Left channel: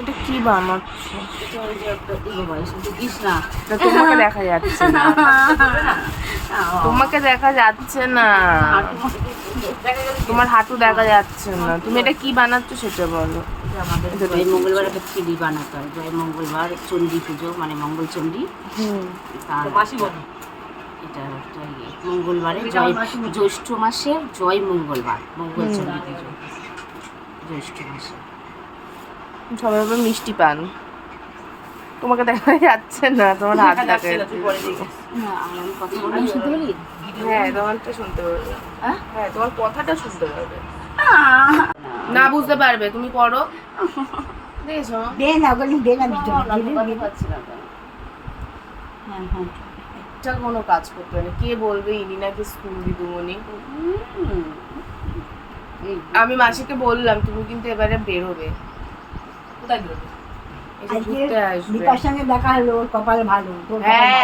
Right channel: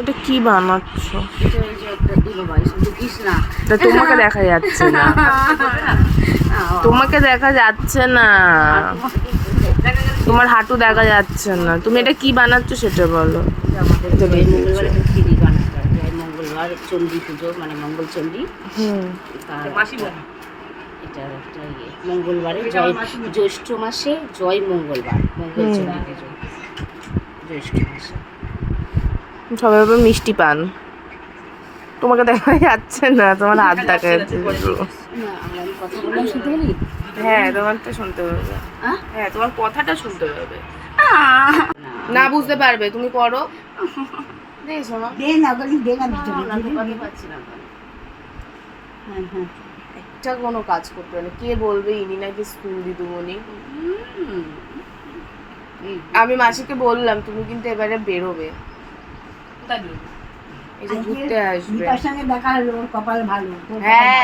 এটা কি বানাচ্ছ? এটা ওই যে একটা বাবা এসব দেখিস না। তা তোমাকে দেখা যাচ্ছে না। তোমাকে দেখা যাচ্ছে না, তোমার হাঁটু দেখা যাচ্ছে না। তুমি এটা কি বানাচ্ছো সেটা বলো। আমাদের জয় মঙ্গলবার একটা খিচুড়ি বানাতে হবে। জয় মঙ্গলবার চণ্ডী পুজো মানে মঙ্গল চণ্ডী। মাসি বলি এটা একটা মঙ্গলবারে জ্যৈষ্ঠ মাসে জয় মঙ্গলবার মঙ্গল চণ্ডী পুজো জ্যৈষ্ঠ মাসে। সবাই আবার মিষ্টি পান। তোমাকে দেখা যাচ্ছে না, তোমার হাত দেখা যাচ্ছে। হ্যাঁ, তোমার তো শুনতে পাবে। হ্যাঁ, তোমার কথাটা শুনতে পাবে। না বুঝতে পারবে, তুমি করো। দেখছো একটা কোনো কাজ করতে পারে, কে বলবে ইনি নাকি স্কুল দিদিমণি। আমি মাসিকে বললাম তুমি কিন্তু এবারে বেরোবে, এই যে ঘুরতে আসবে। দীপার সঙ্গে দেখা হলো, কপাল ভালো। হ্যাঁ।